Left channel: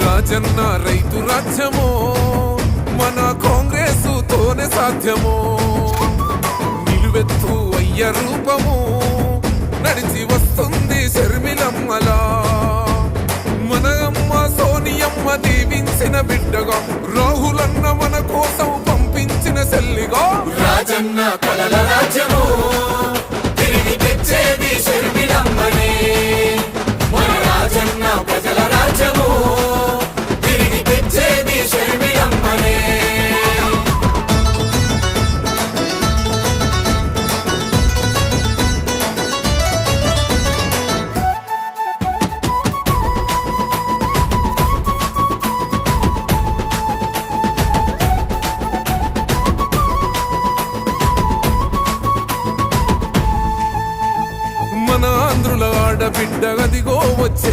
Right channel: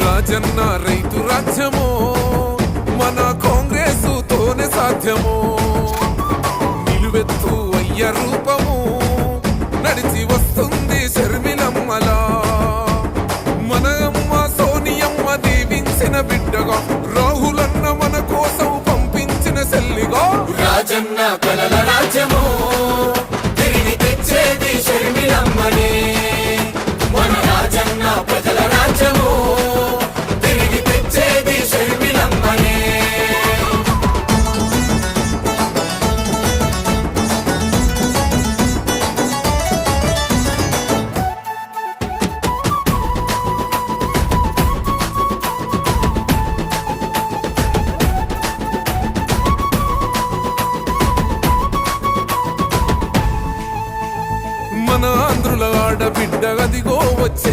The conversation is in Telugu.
రాజన్న రైతు రాజ్యమో మన కాంగ్రెసు తోనే సాధ్యమో నిలువెత్తు అయ్య రూపము నడిచి వస్తుంది షర్మిలమ్మలా మన అమ్మ సోనియమ్మ దీవించిన బిడ్డగా రాహులన్న మన కోసం పంపించిన చెల్లిగా రాజన్న కలల రాజ్యము తిరిగి తెచ్చేది షర్మిలమ్మనే మన రాజన్న ప్రజల రాజ్యము తిరిగి తెచ్చేది షర్మిలమ్మనే మన ఆంధ్రుల ఆడబిడ్డ అదిగో వచ్చే